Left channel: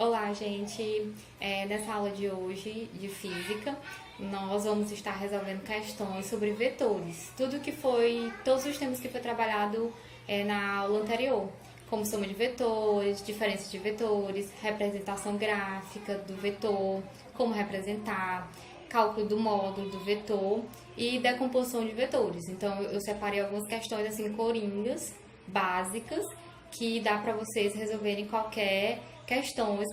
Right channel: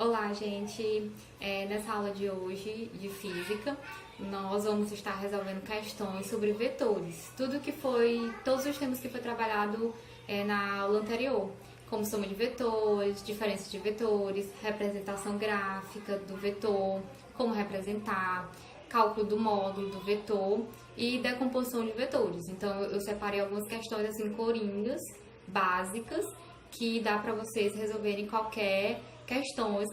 Olá, gente! Nessa aula de hoje de física, nós vamos estar resolvendo questões sobre vetores. Todos os temas que foi trabalhado na aula anterior, como soma de vetores, diferença de vetores, representação gráfica do vetor, como representar, cálculo do módulo do vetor e decomposição de vetores. Então, eu separei algumas questões assim coringas, básicas, que dá para vocês resolverem qualquer questões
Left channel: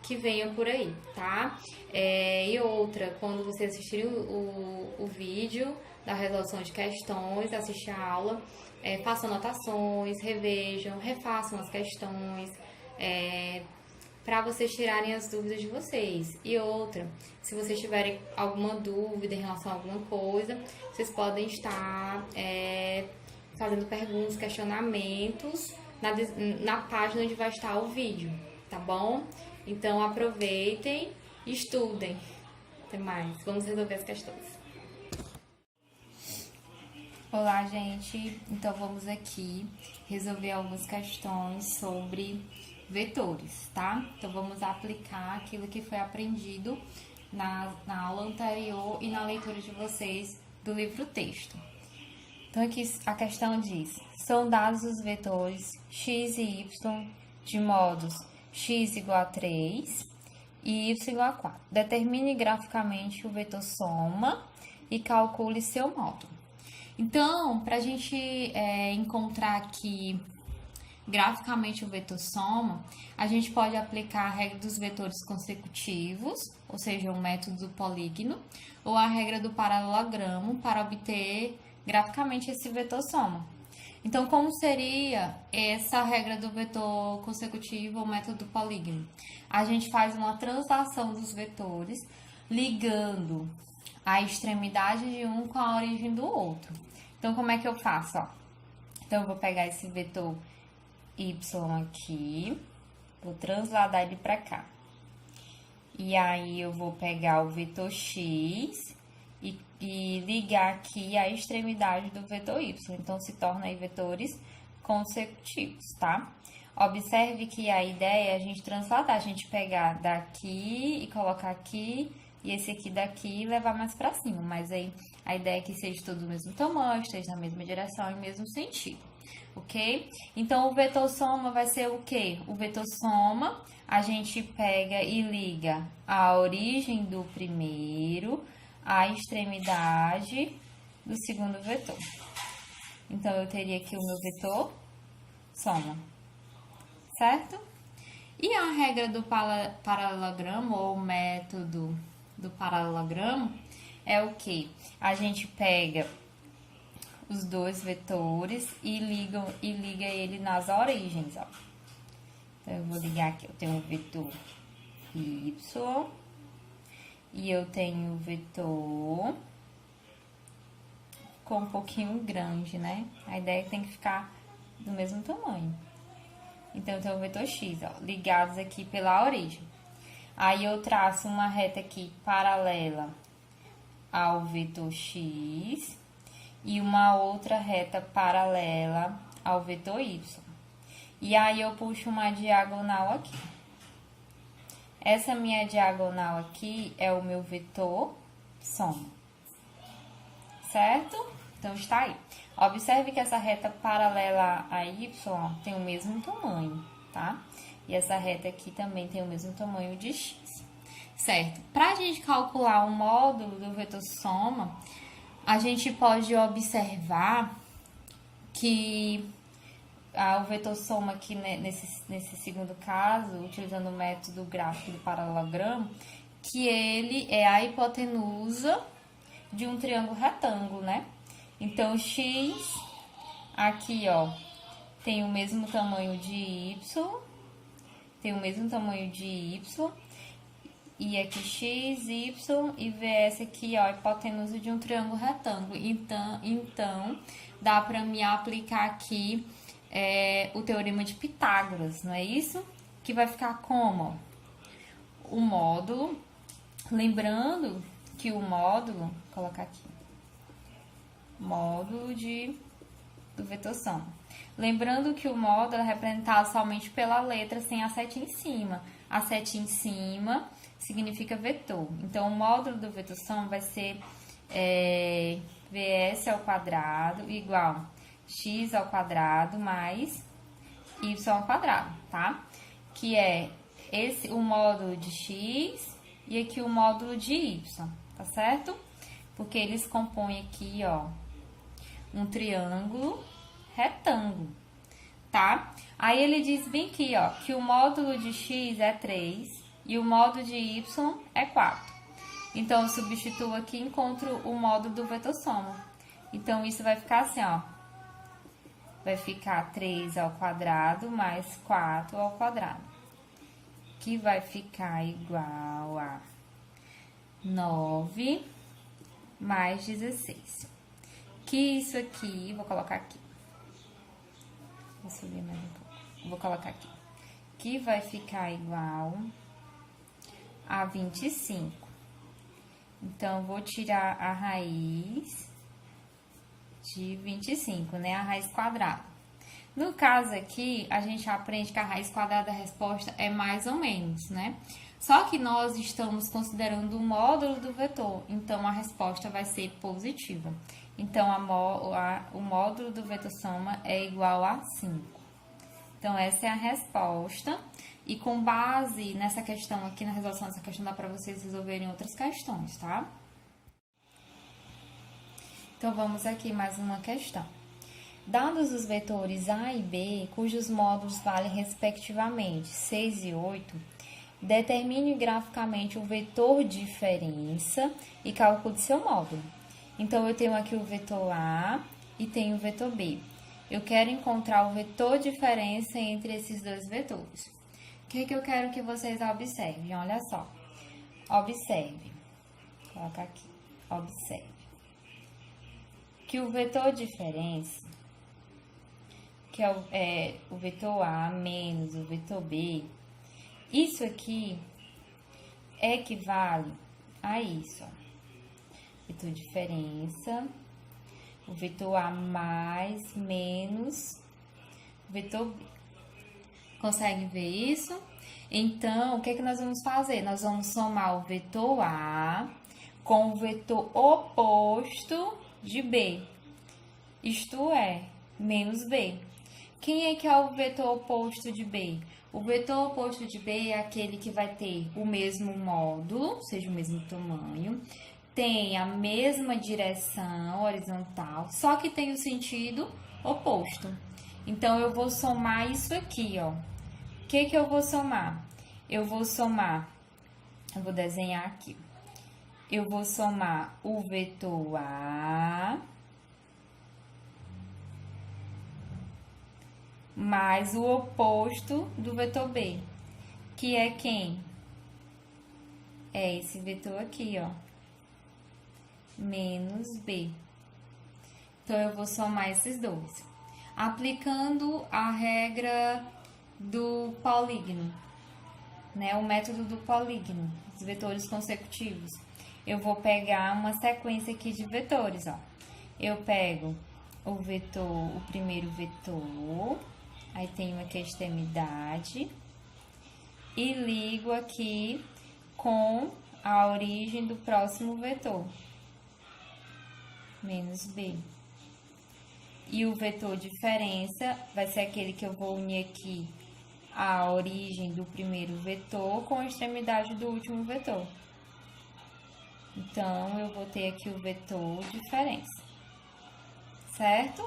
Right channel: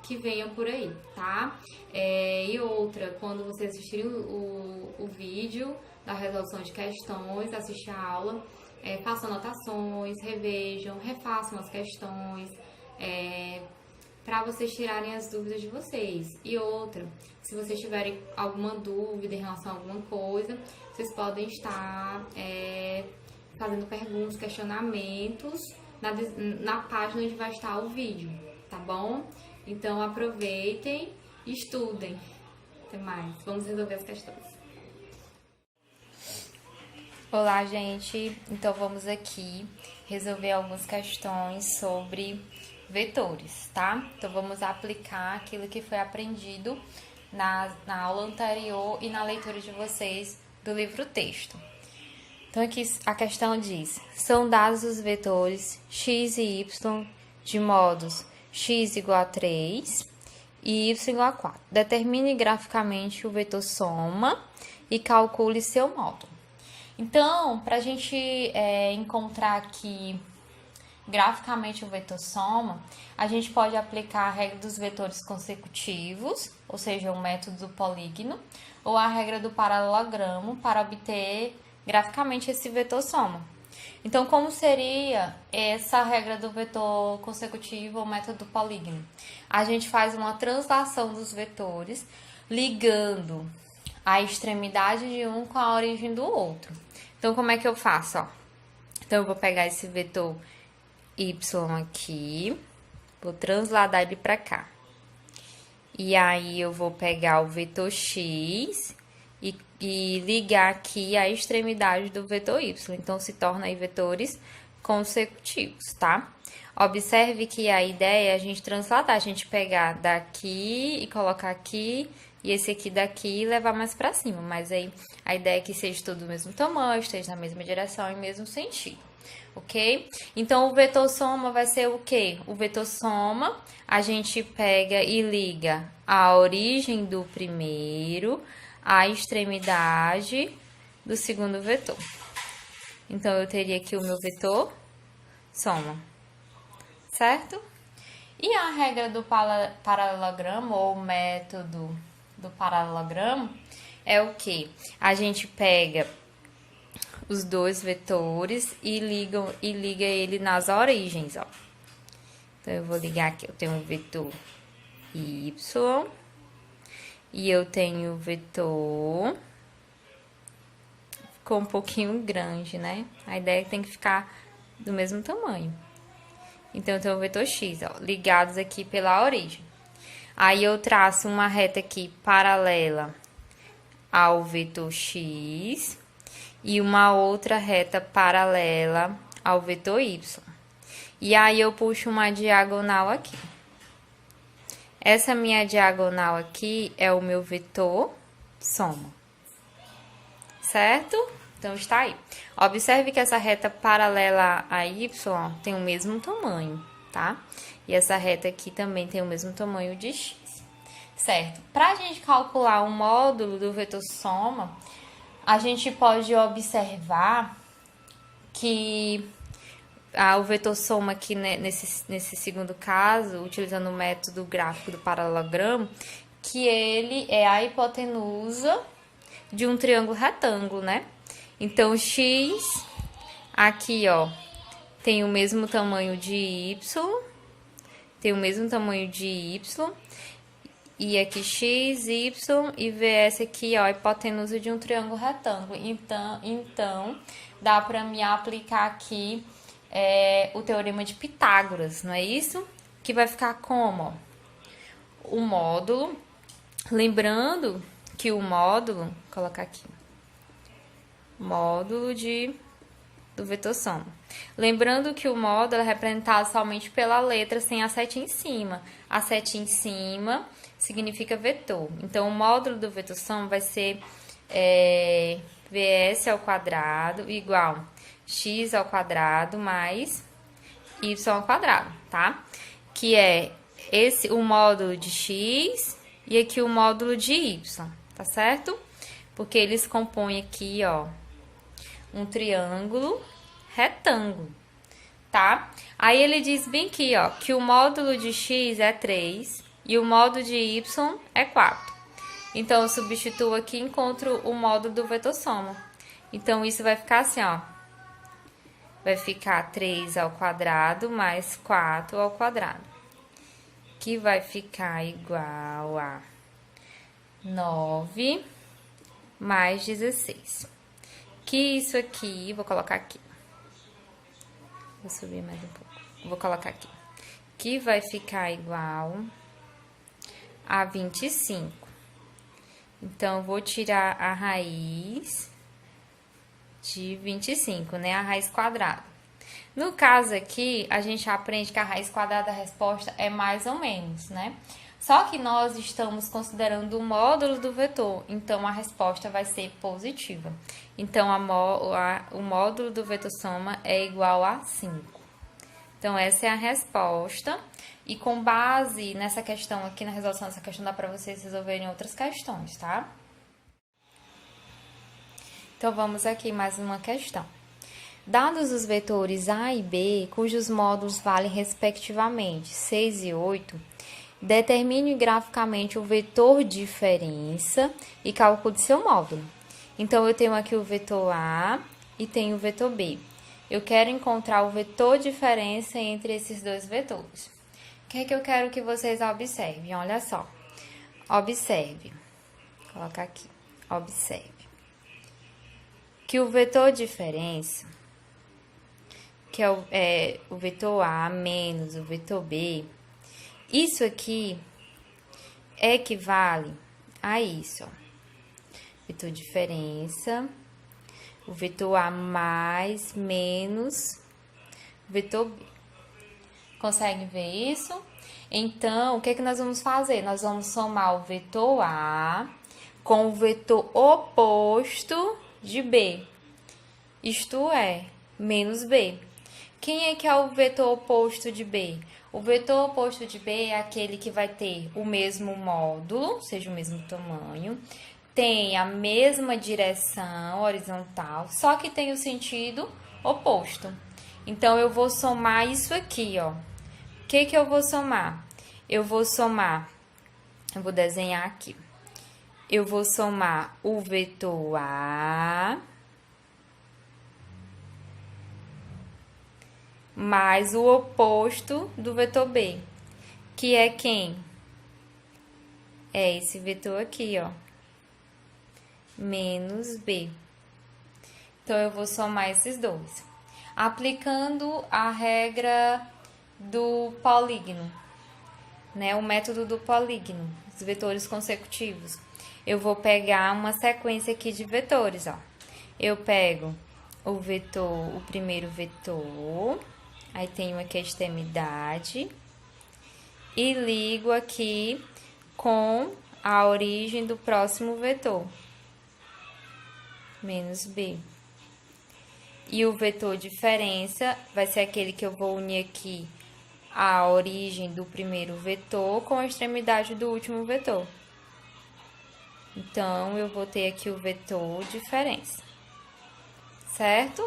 que venham por aí, tá? E outra, quando vocês assistirem o vídeo da resolução de questões, assistir a aula, façam anotações, revejam, refaçam as questões, para vocês tirarem as dúvidas de vocês. E outra, se vocês tiverem alguma dúvida em relação a alguma coisa, vocês podem estar fazendo perguntas, questionamentos na página onde vai estar o vídeo, tá bom? Então aproveitem e estudem. Até mais. Vamos resolver as questões. Olá, gente. Então vamos aqui resolver algumas questões sobre vetores, tá? Então vamos aplicar aquilo que foi aprendido na aula anterior e na leitura de vocês do livro-texto. Então aqui a questão diz: são dados os vetores x e y de modos x igual a 3 e y igual a 4. Determine graficamente o vetor soma e calcule seu módulo. Então, para a gente encontrar aqui graficamente o vetor soma, a gente pode aplicar a regra dos vetores consecutivos, ou seja, o método do polígono, ou a regra do paralelogramo para obter graficamente esse vetor soma. Então, como seria essa regra do vetor consecutivo ou método do polígono? A gente faz uma translação dos vetores, ligando a extremidade de um com a origem do outro. Então, como é que eu faço? Então, eu vou pegar esse vetor y aqui, vou transladar ele para cá. E aí, eu vou pegar o vetor x e ligar aqui a extremidade do vetor y. Então, se torna aí vetores consecutivos, tá? Observe que a ideia é a gente transladar, a gente pegar daqui e colocar aqui, e esse aqui daqui e levar mais pra cima. Mas aí, a ideia é que seja tudo do mesmo tamanho, esteja na mesma direção e mesmo sentido, ok? Então, o vetor soma vai ser o quê? O vetor soma, a gente pega e liga a origem do primeiro a extremidade do segundo vetor. Então, eu teria aqui o meu vetor soma, certo? E a regra do paralelogramo, ou o método do paralelogramo, é o que? A gente pega os dois vetores e liga ele nas origens, ó. Então, eu vou ligar aqui, eu tenho um vetor y, e eu tenho o vetor, ficou um pouquinho grande, né? A ideia é que tem que ficar do mesmo tamanho. Então, eu tenho o vetor x, ó, ligados aqui pela origem. Aí, eu traço uma reta aqui paralela ao vetor x e uma outra reta paralela ao vetor y. E aí, eu puxo uma diagonal aqui. Essa minha diagonal aqui é o meu vetor soma, certo? Então, está aí. Observe que essa reta paralela a y tem o mesmo tamanho, tá? E essa reta aqui também tem o mesmo tamanho de x, certo? Para a gente calcular o módulo do vetor soma, a gente pode observar que o vetor soma aqui, né, nesse segundo caso, utilizando o método gráfico do paralelogramo, que ele é a hipotenusa de um triângulo retângulo, né? Então, x aqui, ó, tem o mesmo tamanho de y, tem o mesmo tamanho de y, e aqui x, y, e vs aqui, ó, a hipotenusa de um triângulo retângulo. Então dá para me aplicar aqui o teorema de Pitágoras, não é isso? Que vai ficar como? O módulo, lembrando que o módulo, vou colocar aqui, módulo de do vetor soma. Lembrando que o módulo é representado somente pela letra sem a setinha em cima. A setinha em cima significa vetor. Então, o módulo do vetor soma vai ser Vs ao quadrado igual x ao quadrado mais y ao quadrado, tá? Que é o módulo de x e aqui o módulo de y, tá certo? Porque eles compõem aqui, ó, um triângulo retângulo, tá? Aí ele diz bem aqui, ó, que o módulo de x é 3 e o módulo de y é 4. Então, eu substituo aqui e encontro o módulo do vetor soma. Então, isso vai ficar assim, ó. Vai ficar 3 ao quadrado mais 4 ao quadrado. Que vai ficar igual a 9 mais 16. Que isso aqui, vou colocar aqui. Vou subir mais um pouco. Vou colocar aqui. Que vai ficar igual a 25. Então, vou tirar a raiz de 25, né? A raiz quadrada. No caso aqui, a gente aprende que a raiz quadrada da resposta é mais ou menos, né? Só que nós estamos considerando o módulo do vetor, então a resposta vai ser positiva. Então, o módulo do vetor soma é igual a 5. Então, essa é a resposta. E com base nessa questão aqui, na resolução dessa questão, dá para vocês resolverem outras questões, tá? Então, vamos aqui mais uma questão. Dados os vetores A e B, cujos módulos valem respectivamente 6 e 8, determine graficamente o vetor diferença e calcule seu módulo. Então, eu tenho aqui o vetor A e tenho o vetor B. Eu quero encontrar o vetor diferença entre esses dois vetores. O que é que eu quero que vocês observem? Olha só. Observe. Vou colocar aqui. Observe. Que o vetor diferença, que é o vetor A menos o vetor B, isso aqui equivale a isso, ó. Vetor diferença, o vetor A mais menos o vetor B. Conseguem ver isso? Então, o que é que nós vamos fazer? Nós vamos somar o vetor A com o vetor oposto de B. Isto é, menos B. Quem é que é o vetor oposto de B? O vetor oposto de B é aquele que vai ter o mesmo módulo, seja o mesmo tamanho, tem a mesma direção horizontal, só que tem o sentido oposto. Então, eu vou somar isso aqui, ó. O que que eu vou somar? Eu vou desenhar aqui. Eu vou somar o vetor A mais o oposto do vetor B, que é quem? É esse vetor aqui, ó. Menos B. Então, eu vou somar esses dois. Aplicando a regra do polígono, né? O método do polígono, os vetores consecutivos. Eu vou pegar uma sequência aqui de vetores, ó. Eu pego o primeiro vetor, aí tenho aqui a extremidade, e ligo aqui com a origem do próximo vetor, menos B. E o vetor diferença vai ser aquele que eu vou unir aqui a origem do primeiro vetor com a extremidade do último vetor. Então, eu vou ter aqui o vetor diferença, certo?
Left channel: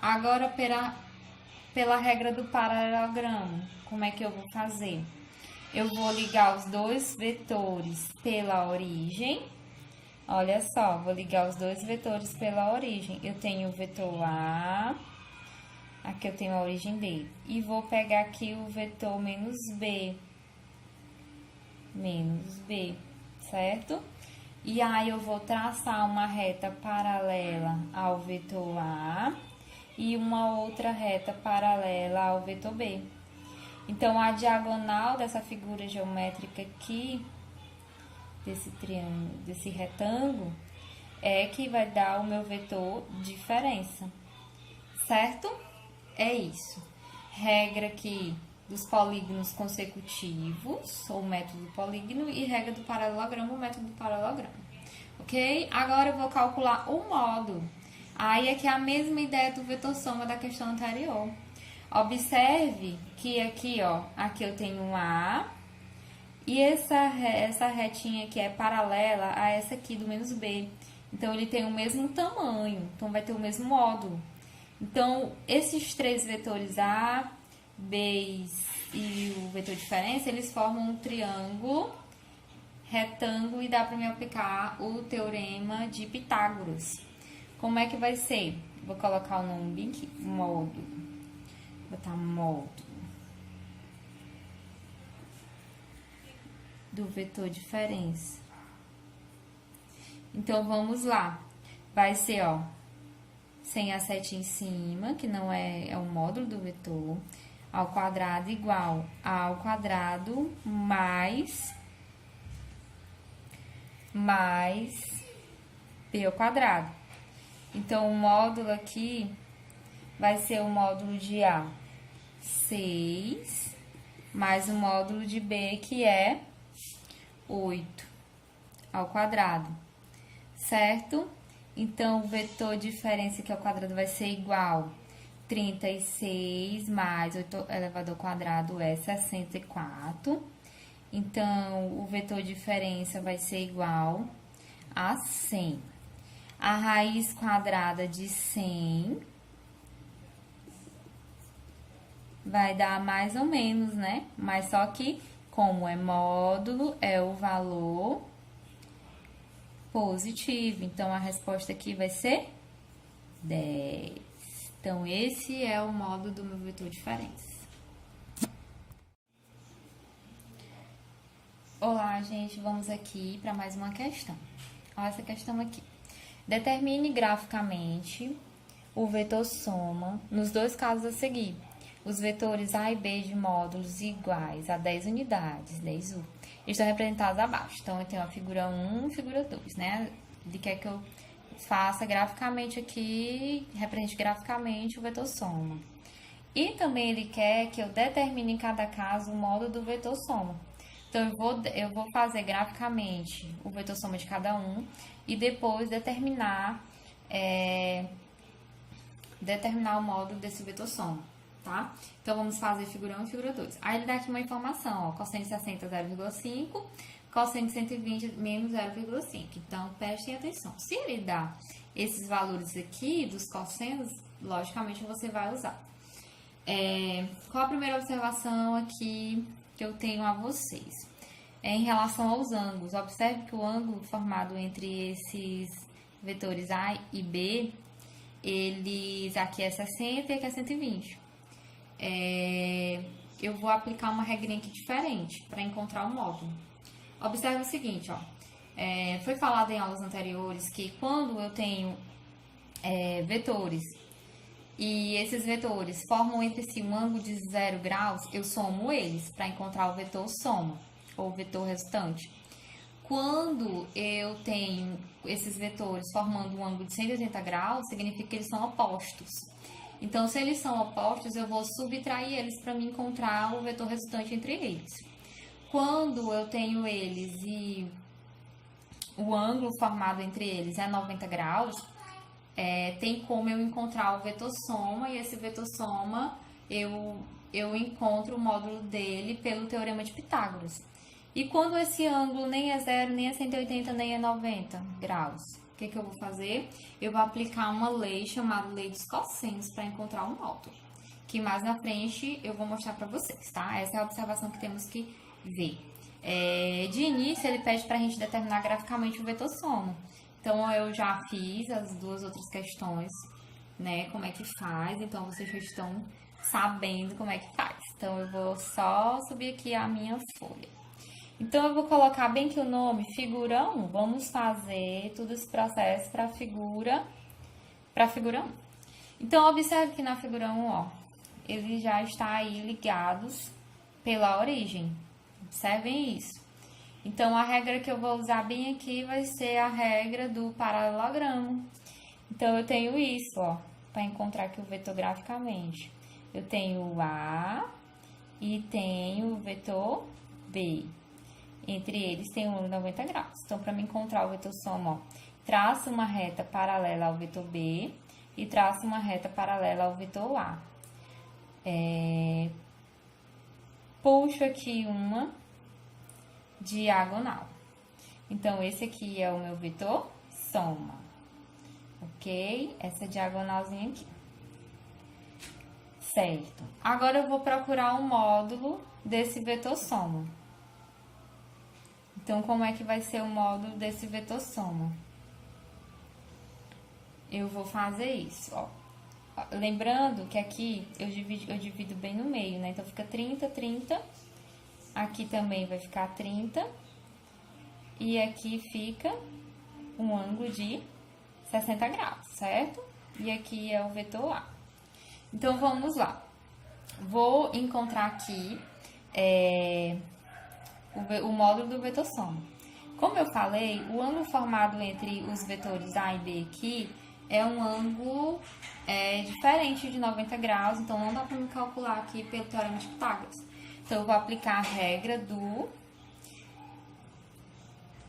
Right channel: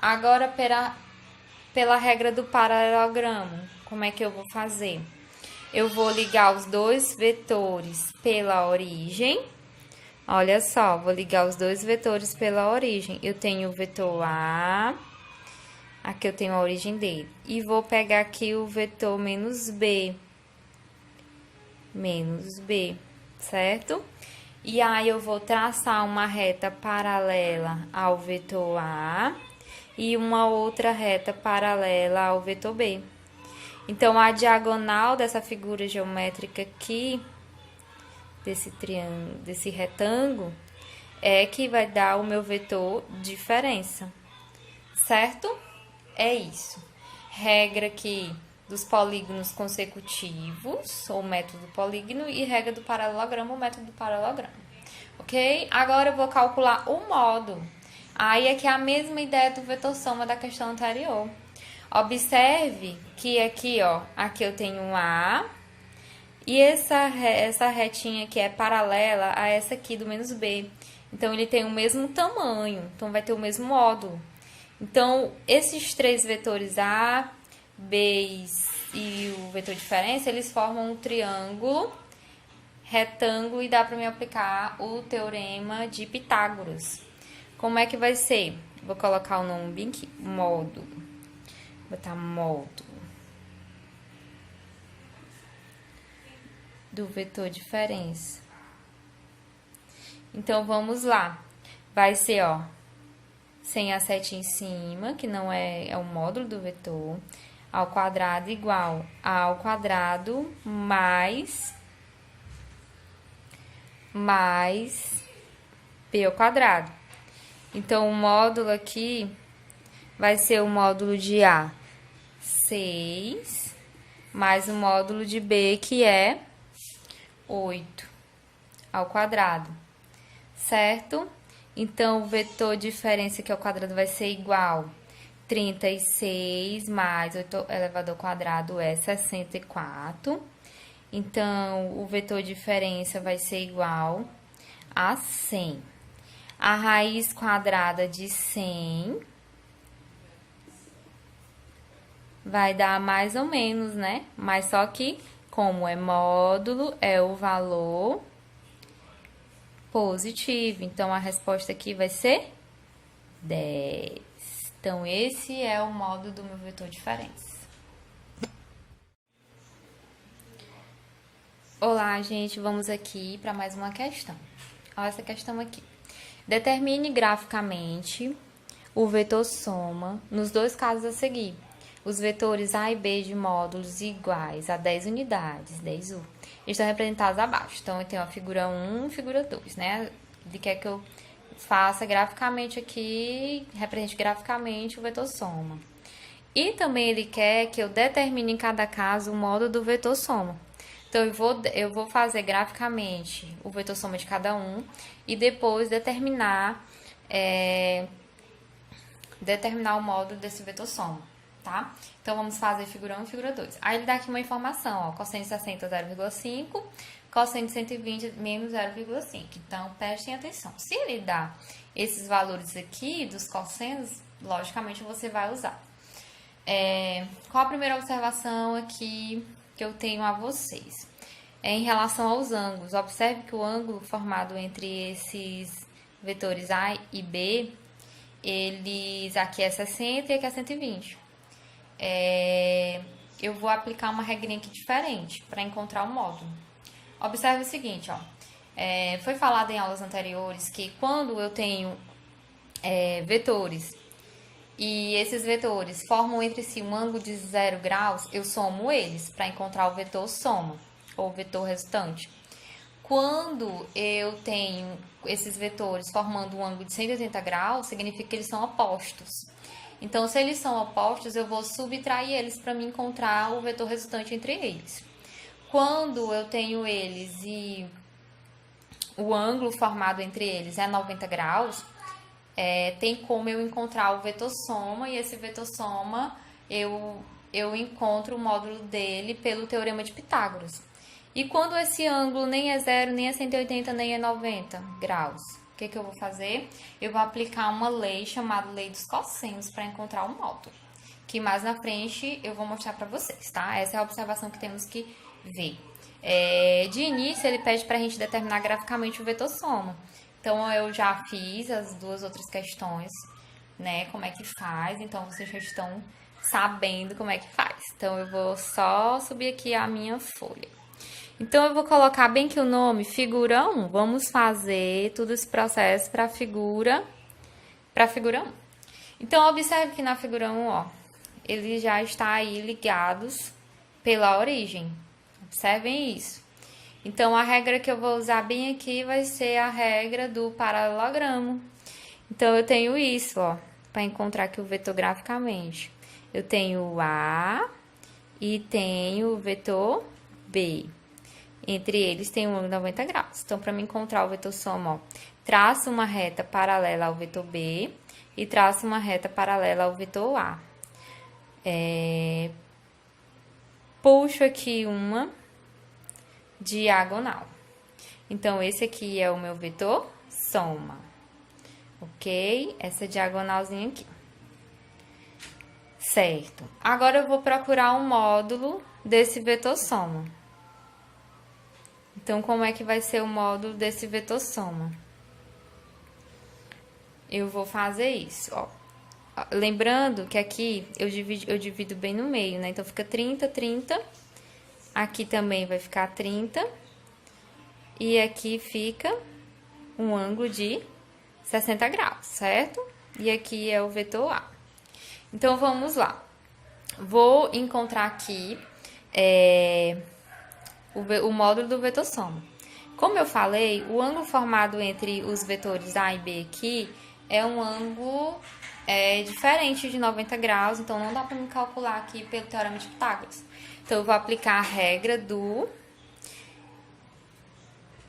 Agora, pela regra do paralelogramo, como é que eu vou fazer? Eu vou ligar os dois vetores pela origem. Olha só, vou ligar os dois vetores pela origem. Eu tenho o vetor A, aqui eu tenho a origem dele. E vou pegar aqui o vetor menos B, certo? E aí, eu vou traçar uma reta paralela ao vetor A e uma outra reta paralela ao vetor B. Então, a diagonal dessa figura geométrica aqui, desse triângulo, desse retângulo, é que vai dar o meu vetor diferença, certo? É isso. Regra aqui dos polígonos consecutivos, ou método polígono, e regra do paralelogramo, ou método do paralelogramo. Ok? Agora eu vou calcular o módulo. Aí aqui é a mesma ideia do vetor soma da questão anterior. Observe que aqui, ó, aqui eu tenho um A, e essa retinha aqui é paralela a essa aqui do menos B. Então, ele tem o mesmo tamanho, então vai ter o mesmo módulo. Então, esses três vetores A, B e o vetor diferença, eles formam um triângulo retângulo e dá para me aplicar o teorema de Pitágoras. Como é que vai ser? Vou colocar o nome bem aqui, módulo. Vou botar módulo do vetor diferença. Então, vamos lá. Vai ser, ó, sem a setinha em cima, que não é o módulo do vetor, ao quadrado igual a ao quadrado mais b ao quadrado. Então, o módulo aqui vai ser o módulo de A, 6, mais o módulo de B, que é 8 ao quadrado, certo? Então, o vetor diferença aqui ao quadrado vai ser igual 36 mais 8 elevado ao quadrado é 64. Então, o vetor diferença vai ser igual a 100. A raiz quadrada de 100 vai dar mais ou menos, né? Mas só que, como é módulo, é o valor positivo. Então, a resposta aqui vai ser 10. Então, esse é o módulo do meu vetor diferença. Olá, gente, vamos aqui para mais uma questão. Olha essa questão aqui. Determine graficamente o vetor soma nos dois casos a seguir. Os vetores A e B de módulos iguais a 10 unidades, 10U, estão representados abaixo. Então, eu tenho a figura 1 e figura 2, né? Ele quer que eu faça graficamente aqui, represente graficamente o vetor soma. E também ele quer que eu determine em cada caso o módulo do vetor soma. Então, eu vou fazer graficamente o vetor soma de cada um e depois determinar o módulo desse vetor soma, tá? Então, vamos fazer figura 1 e figura 2. Aí, ele dá aqui uma informação, ó, cosseno de 60, 0,5, cosseno de 120, menos 0,5. Então, prestem atenção. Se ele dá esses valores aqui dos cossenos, logicamente, você vai usar. Qual a primeira observação aqui que eu tenho a vocês? Em relação aos ângulos, observe que o ângulo formado entre esses vetores A e B, aqui é 60 e aqui é 120. Eu vou aplicar uma regrinha aqui diferente para encontrar o módulo. Observe o seguinte, ó. Foi falado em aulas anteriores que quando eu tenho vetores e esses vetores formam entre si um ângulo de 0 graus, eu somo eles para encontrar o vetor soma, ou vetor resultante. Quando eu tenho esses vetores formando um ângulo de 180 graus, significa que eles são opostos. Então, se eles são opostos, eu vou subtrair eles para me encontrar o vetor resultante entre eles. Quando eu tenho eles e o ângulo formado entre eles é 90 graus, tem como eu encontrar o vetor soma, e esse vetor soma eu encontro o módulo dele pelo teorema de Pitágoras. E quando esse ângulo nem é 0, nem é 180, nem é 90 graus, o que eu vou fazer? Eu vou aplicar uma lei chamada lei dos cossenos para encontrar o módulo, que mais na frente eu vou mostrar para vocês, tá? Essa é a observação que temos que ver. De início, ele pede para a gente determinar graficamente o vetor soma. Então, eu já fiz as duas outras questões, né? Como é que faz. Então, vocês já estão sabendo como é que faz. Então, eu vou só subir aqui a minha folha. Então, eu vou colocar bem que o nome figura 1. Vamos fazer todo esse processo para a figura 1. Então, observe que na figura 1, ó, ele já está aí ligados pela origem. Observem isso. Então, a regra que eu vou usar bem aqui vai ser a regra do paralelogramo. Então, eu tenho isso, ó. para encontrar aqui o vetor graficamente. Eu tenho o A e tenho o vetor B. Entre eles tem um ângulo de 90 graus. Então, para me encontrar o vetor soma, ó, traço uma reta paralela ao vetor B e traço uma reta paralela ao vetor A. Puxo aqui uma diagonal. Então, esse aqui é o meu vetor soma. Ok? Essa diagonalzinha aqui. Certo. Agora, eu vou procurar um módulo desse vetor soma. Então, como é que vai ser o módulo desse vetor soma? Eu vou fazer isso, ó. Lembrando que aqui eu divido bem no meio, né? Então, fica 30, 30. Aqui também vai ficar 30. E aqui fica um ângulo de 60 graus, certo? E aqui é o vetor A. Então, vamos lá. Vou encontrar aqui o módulo do vetor soma. Como eu falei, o ângulo formado entre os vetores A e B aqui é um ângulo diferente de 90 graus, então não dá para me calcular aqui pelo teorema de Pitágoras. Então, eu vou aplicar a regra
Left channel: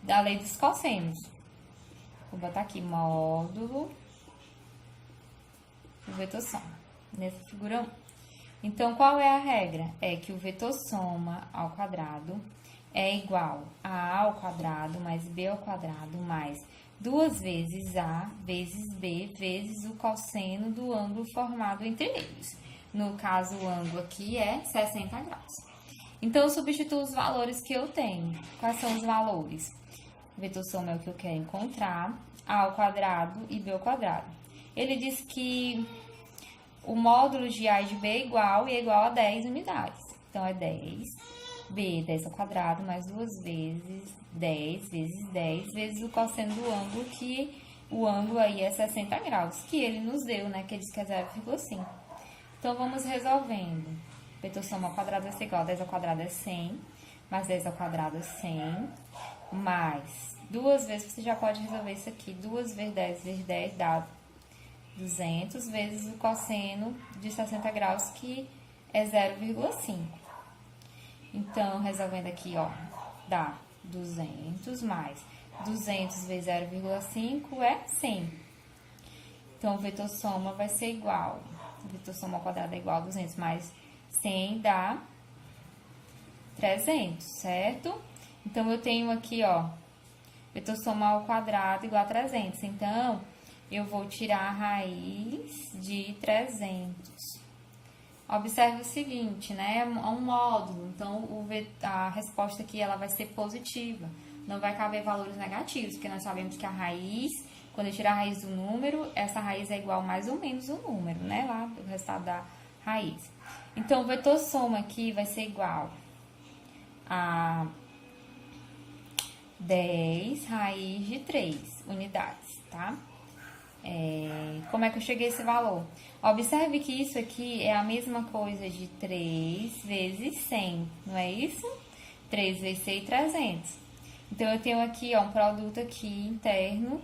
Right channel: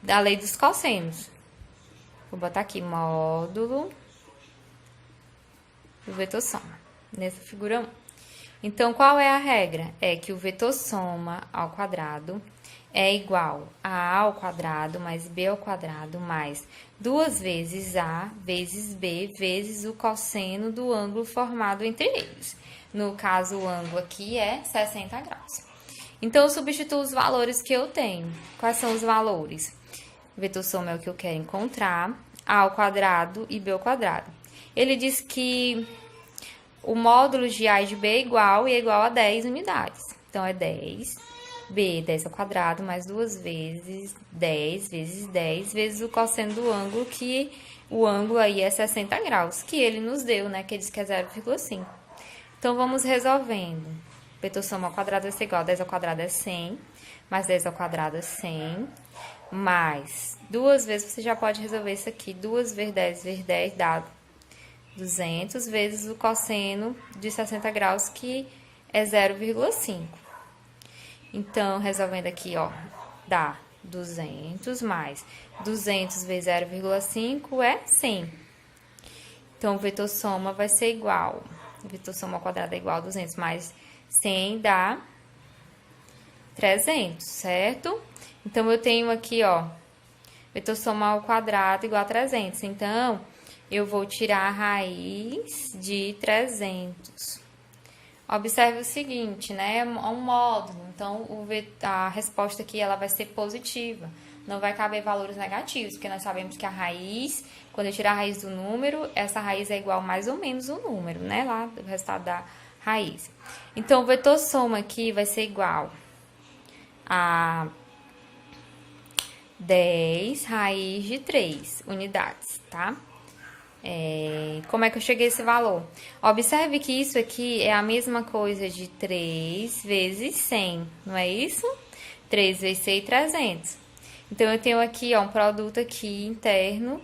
da lei dos cossenos. Vou botar aqui módulo do vetor soma, nessa figura 1. Então, qual é a regra? É que o vetor soma ao quadrado é igual a A ao quadrado mais B ao quadrado mais 2 vezes A vezes B vezes o cosseno do ângulo formado entre eles. No caso, o ângulo aqui é 60 graus. Então, eu substituo os valores que eu tenho. Quais são os valores? O vetor soma é o que eu quero encontrar, A ao quadrado e B ao quadrado. Ele diz que o módulo de A e de B é igual a 10 unidades. Então, é 10, B, 10 ao quadrado, mais 2 vezes 10 vezes 10 vezes o cosseno do ângulo, que o ângulo aí é 60 graus, que ele nos deu, né? Que ele diz que é 0,5. Então, vamos resolvendo. O vetor soma ao quadrado vai ser igual a 10 ao quadrado é 100, mais 10 ao quadrado é 100, mais 2 vezes, você já pode resolver isso aqui, 2 vezes 10 dá 200 vezes o cosseno de 60 graus, que é 0,5. Então, resolvendo aqui, ó, dá 200 mais 200 vezes 0,5 é 100. Então, o vetor soma vai ser igual, o vetor soma ao quadrado é igual a 200 mais 100 dá 300, certo? Então, eu tenho aqui, ó, vetor soma ao quadrado igual a 300. Então, eu vou tirar a raiz de 300. Observe o seguinte, né? É um módulo. Então, a resposta aqui ela vai ser positiva. Não vai caber valores negativos, porque nós sabemos que a raiz, quando eu tirar a raiz do número, essa raiz é igual mais ou menos o número, né? Lá, o resultado da raiz. Então, o vetor soma aqui vai ser igual a 10 raiz de 3 unidades, tá? Como é que eu cheguei a esse valor? Observe que isso aqui é a mesma coisa de 3 vezes 100, não é isso? 3 vezes 100, 300. Então, eu tenho aqui, ó, um produto aqui interno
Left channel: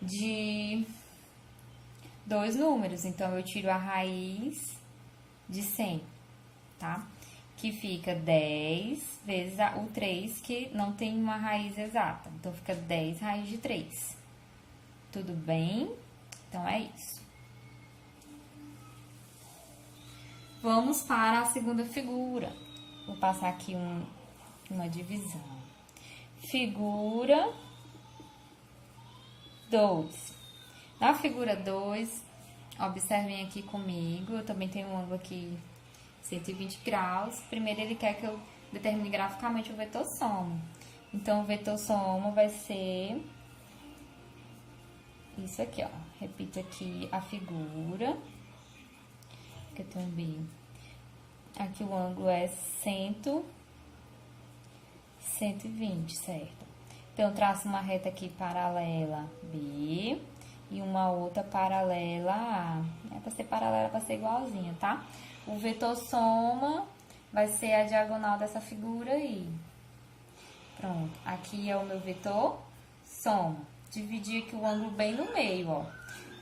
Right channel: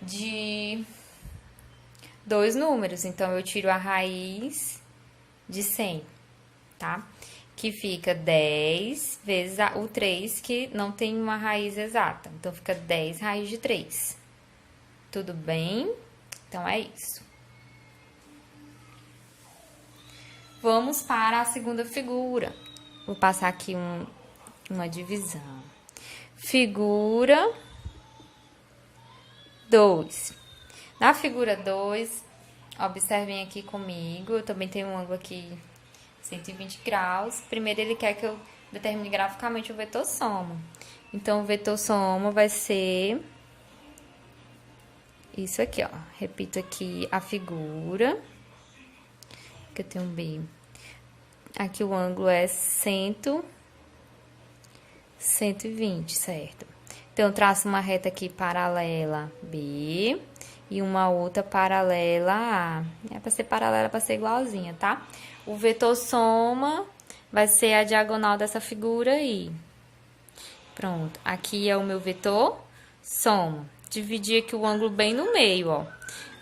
de 2 números. Então, eu tiro a raiz de 100, tá? Que fica 10 vezes o 3, que não tem uma raiz exata. Então, fica 10 raiz de 3. Tudo bem? Então, é isso. Vamos para a segunda figura. Vou passar aqui uma divisão. Figura 2. Na figura 2, observem aqui comigo, eu também tenho um ângulo aqui 120 graus. Primeiro, ele quer que eu determine graficamente o vetor soma. Então, o vetor soma vai ser isso aqui, ó. Repito aqui a figura, que eu tenho um B. Aqui o ângulo é 120, certo? Então, eu traço uma reta aqui paralela B e uma outra paralela A. É para ser paralela, para ser igualzinha, tá? O vetor soma vai ser a diagonal dessa figura aí. Pronto. Aqui é o meu vetor soma. Dividir aqui o ângulo bem no meio, ó.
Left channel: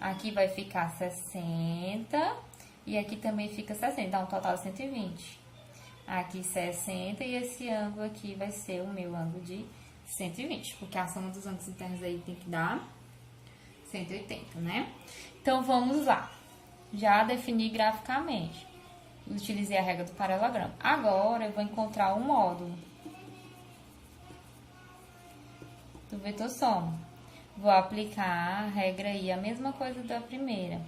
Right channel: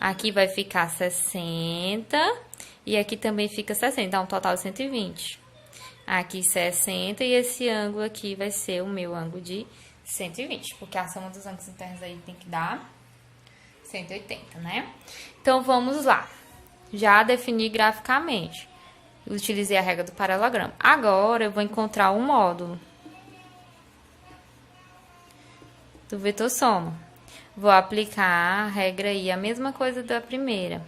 Aqui vai ficar 60 e aqui também fica 60, dá um total de 120. Aqui 60 e esse ângulo aqui vai ser o meu ângulo de 120, porque a soma dos ângulos internos aí tem que dar 180, né? Então, vamos lá. Já defini graficamente. Utilizei a regra do paralelogramo. Agora, eu vou encontrar o módulo do vetor soma. Vou aplicar a regra aí, a mesma coisa da primeira.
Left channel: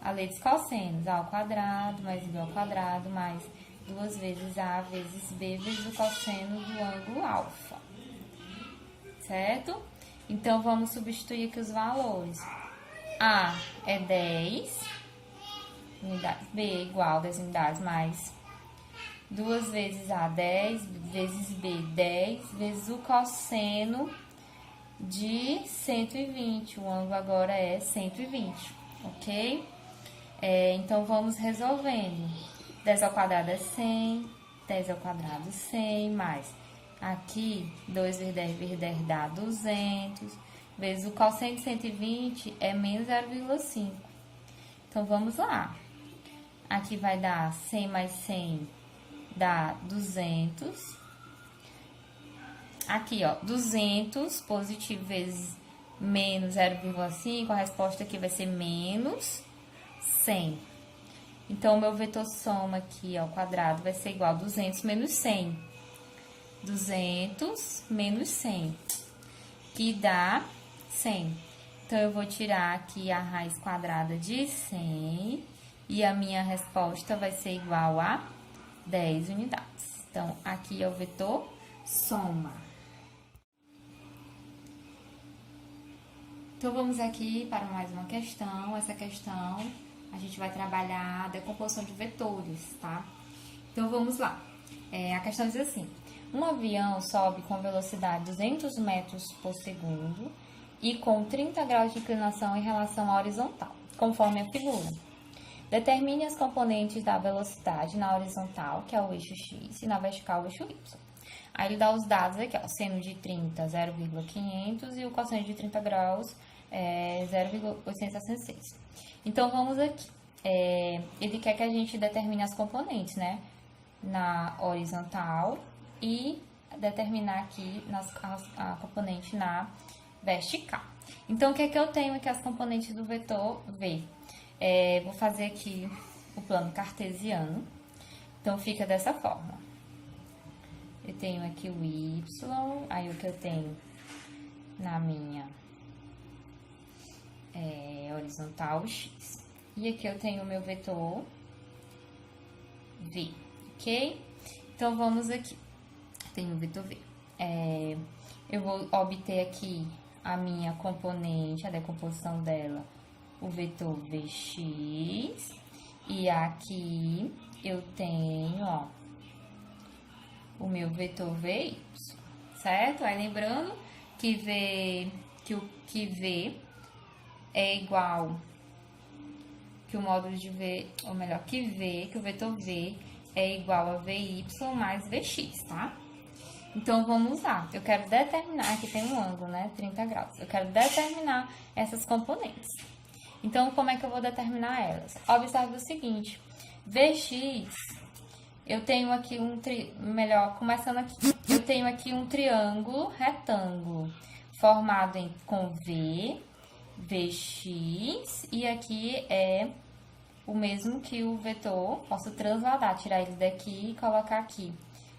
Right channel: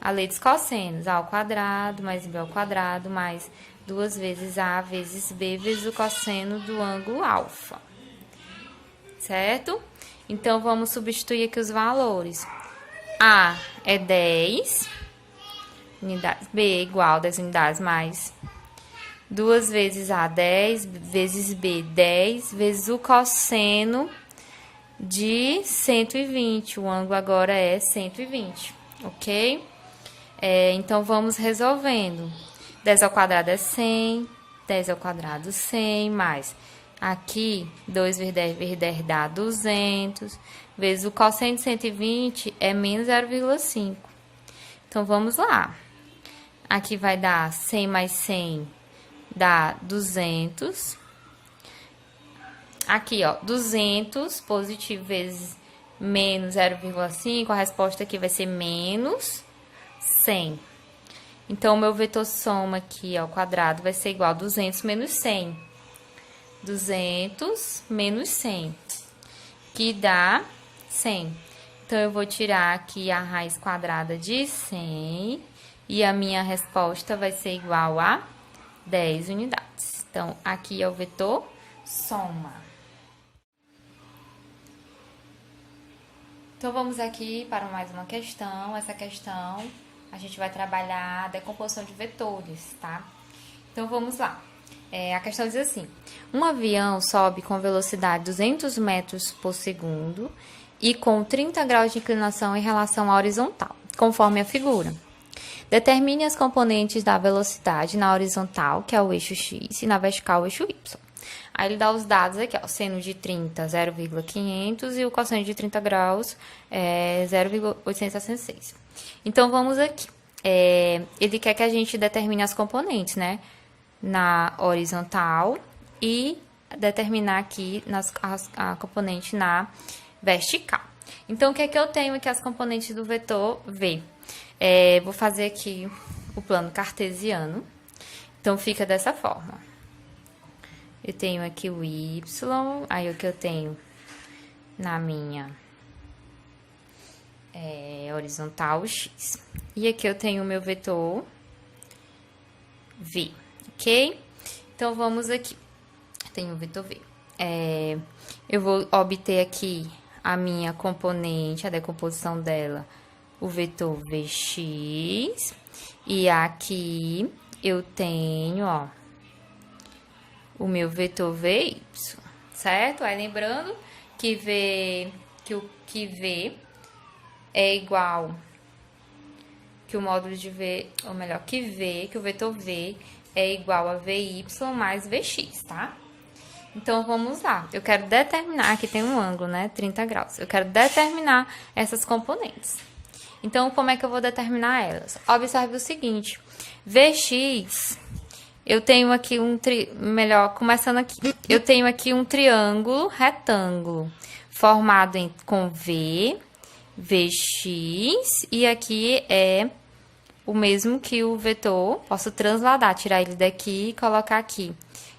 A lei dos cossenos, A ao quadrado mais B ao quadrado mais 2 vezes A vezes B vezes o cosseno do ângulo alfa. Certo? Então, vamos substituir aqui os valores. A é 10 unidades, B é igual a 10 unidades mais 2 vezes A, 10 vezes B, 10 vezes o cosseno de 120. O ângulo agora é 120, ok? Então, vamos resolvendo. 10 ao quadrado é 100, 10 ao quadrado 100, mais aqui 2 vezes 10 vezes 10 dá 200, vezes o cosseno de 120 é menos 0,5. Então, vamos lá. Aqui vai dar 100 mais 100 dá 200. Aqui, ó, 200 positivo vezes menos 0,5, a resposta aqui vai ser menos 100. Então, o meu vetor soma aqui ao quadrado vai ser igual a 200 menos 100. 200 menos 100, que dá 100. Então, eu vou tirar aqui a raiz quadrada de 100 e a minha resposta vai ser igual a 10 unidades. Então, aqui é o vetor soma. Então, vamos aqui para mais uma questão. Essa questão, a gente vai trabalhar a decomposição de vetores, tá? Então, vamos lá. A questão diz assim: um avião sobe com velocidade 200 metros por segundo e com 30 graus de inclinação em relação à horizontal, conforme a figura. Determine as componentes da velocidade na horizontal, que é o eixo X, e na vertical, o eixo Y. Aí ele dá os dados aqui, ó, seno de 30, 0,500 e o cosseno de 30 graus é 0,866. Então, vamos aqui. Ele quer que a gente determine as componentes, né? Na horizontal e determinar aqui a componente na vertical. Então, o que é que eu tenho aqui as componentes do vetor V? Vou fazer aqui o plano cartesiano. Então, fica dessa forma. Eu tenho aqui o Y, aí o que eu tenho na minha horizontal, o X. E aqui eu tenho o meu vetor V. Ok? Então, vamos aqui. Tem o vetor V. Eu vou obter aqui a minha componente, a decomposição dela, o vetor Vx. E aqui eu tenho, ó, o meu vetor Vy, certo? Aí, lembrando que V é igual, que o módulo de V, ou melhor, que o vetor V é igual a Vy mais Vx, tá? Então, vamos lá. Eu quero determinar, aqui tem um ângulo, né? 30 graus. Eu quero determinar essas componentes. Então, como é que eu vou determinar elas? Observe o seguinte. Vx, eu tenho aqui começando aqui. Eu tenho aqui um triângulo retângulo formado com V, Vx, e aqui é o mesmo que o vetor, posso transladar, tirar ele daqui e colocar aqui.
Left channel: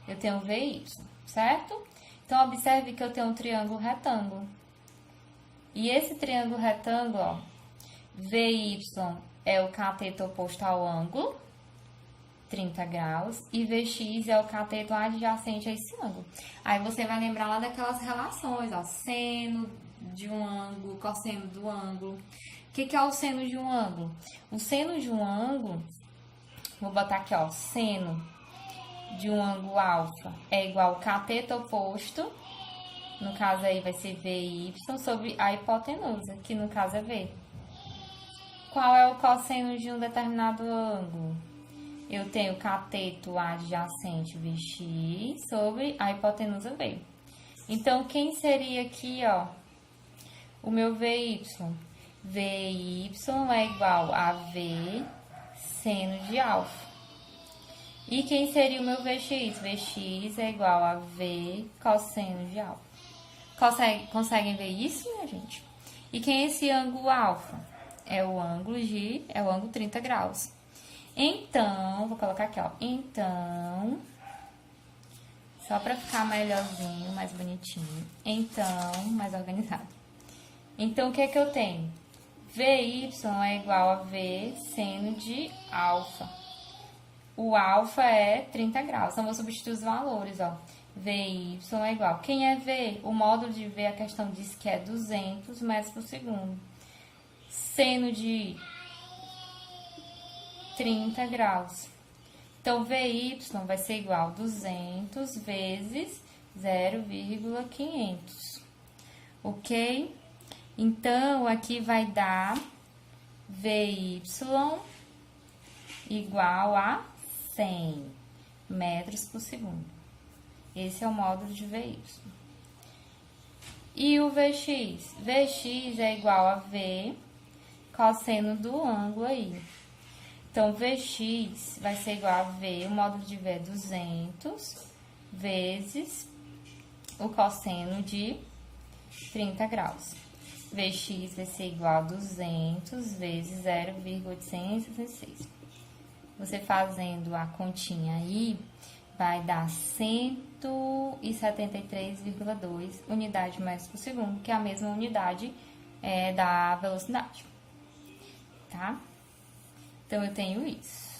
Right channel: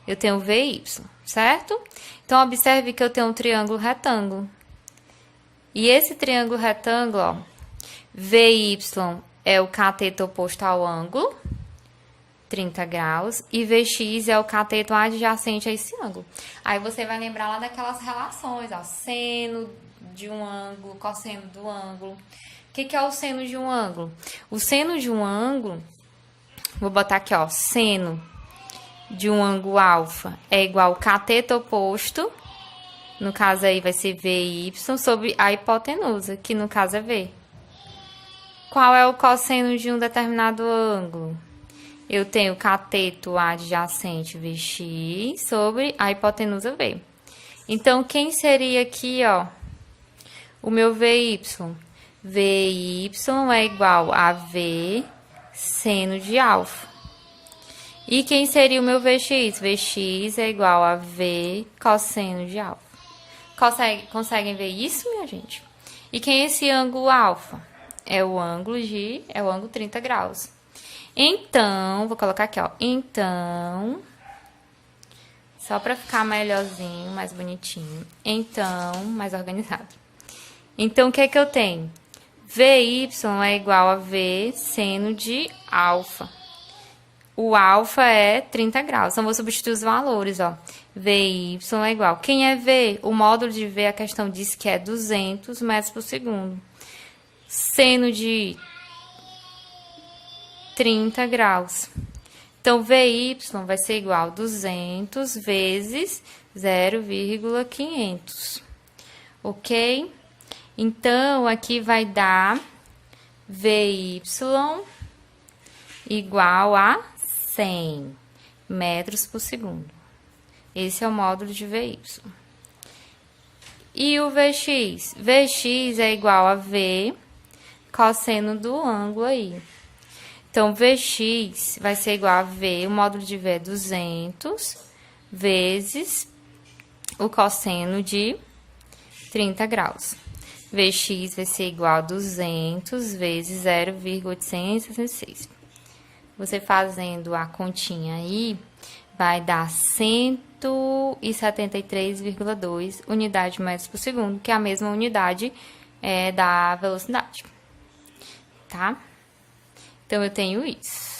Eu tenho Vy, certo? Então, observe que eu tenho um triângulo retângulo. E esse triângulo retângulo, ó, Vy é o cateto oposto ao ângulo, 30 graus, e Vx é o cateto adjacente a esse ângulo. Aí, você vai lembrar lá daquelas relações, ó, seno de um ângulo, cosseno do ângulo. O que é o seno de um ângulo? O seno de um ângulo, vou botar aqui, ó, seno de um ângulo alfa é igual ao cateto oposto, no caso aí vai ser Vy, sobre a hipotenusa, que no caso é V. Qual é o cosseno de um determinado ângulo? Eu tenho cateto adjacente Vx sobre a hipotenusa V. Então, quem seria aqui, ó, o meu Vy? VY é igual a V seno de alfa. E quem seria o meu VX? VX é igual a V cosseno de alfa. Conseguem ver isso, minha gente? E quem é esse ângulo alfa? É o ângulo 30 graus. Então, vou colocar aqui, ó. Então, só para ficar melhorzinho, mais bonitinho. Então, mais organizado. Então, o que é que eu tenho? VY é igual a V seno de alfa. O alfa é 30 graus. Então, vou substituir os valores, ó. VY é igual. Quem é V? O módulo de V, a questão diz que é 200 metros por segundo. Seno de 30 graus. Então, VY vai ser igual a 200 vezes 0,500. Ok? Então, aqui vai dar VY igual a 100 metros por segundo. Esse é o módulo de VY. E o VX? VX é igual a V cosseno do ângulo aí. Então, VX vai ser igual a V, o módulo de V é 200, vezes o cosseno de 30 graus. VX vai ser igual a 200 vezes 0,866. Você fazendo a continha aí, vai dar 173,2 unidades de metros por segundo, que é a mesma unidade da velocidade, tá? Então, eu tenho isso.